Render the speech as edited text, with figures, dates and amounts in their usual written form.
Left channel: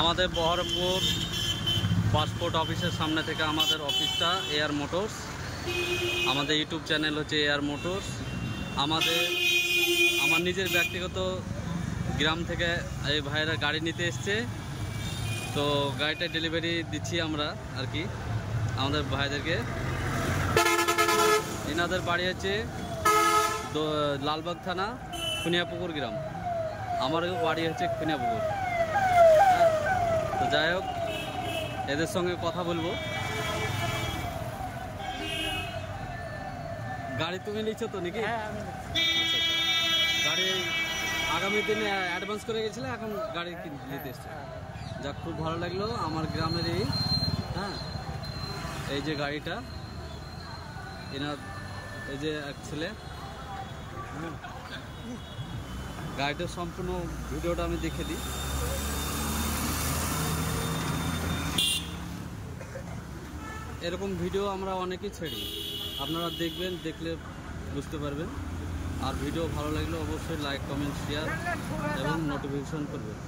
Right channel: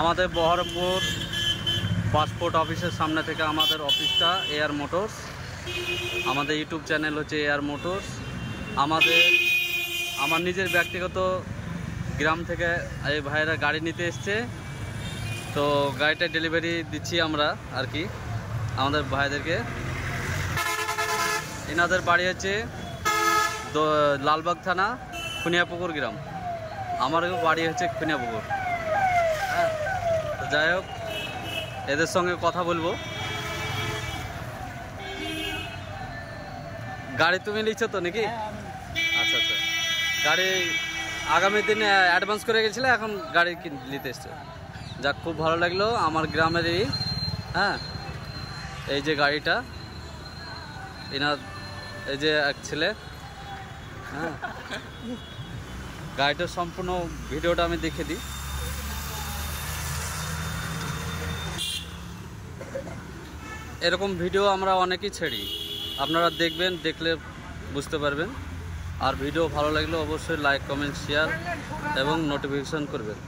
আমাদের বহরমপুর পাসপোর্ট অফিসের সামনে থেকে আমাদের অফিসটা এয়ার মোটরস। আমাদের ইউটিউব চ্যানেল হচ্ছে এয়ার মোটরস। আমার নিজের ব্যক্তিগত গ্রাম থেকে এই ভাইয়েরা গাড়ি নিতে এসছে, তো গাড়িটা ডেলিভারি দিচ্ছি আমরা আর কি আমাদের ভাইদেরকে। এনাদের বাড়ি হচ্ছে লালবাগ থানা খুনিয়াপুকুর গ্রাম, আমার বাড়ি হচ্ছে খুনিয়াপুকুর। হ্যাঁ, তো যাই হোক, এদের সঙ্গে কথা বলবো। গাড়ি তুমি নিচ্ছ তো নাকি? আচ্ছা আচ্ছা, গাড়ি আগামী দিনে অ্যাডভান্স করে গেছিলে, এখন গাড়ি নিতে এসছে। যাক, খুব ভালো লাগলো আমার গ্রামেরই। হ্যাঁ, এই যে গাড়িটা, এনার এই যে এক ছেলে। হ্যাঁ, গাড়িটার সম্পূর্ণ ভিডিওটা আমি দেখে দিই। এরকম ভিডিও আমরা অনেকেই ছেড়ি, আপনারা দেখবেন, দেখলে বুঝতে পারবেন। আর ভিডিও ভালো লাগলে অবশ্যই লাইক, কমেন্ট, শেয়ার এবং নোটিফিকেশন করবেন।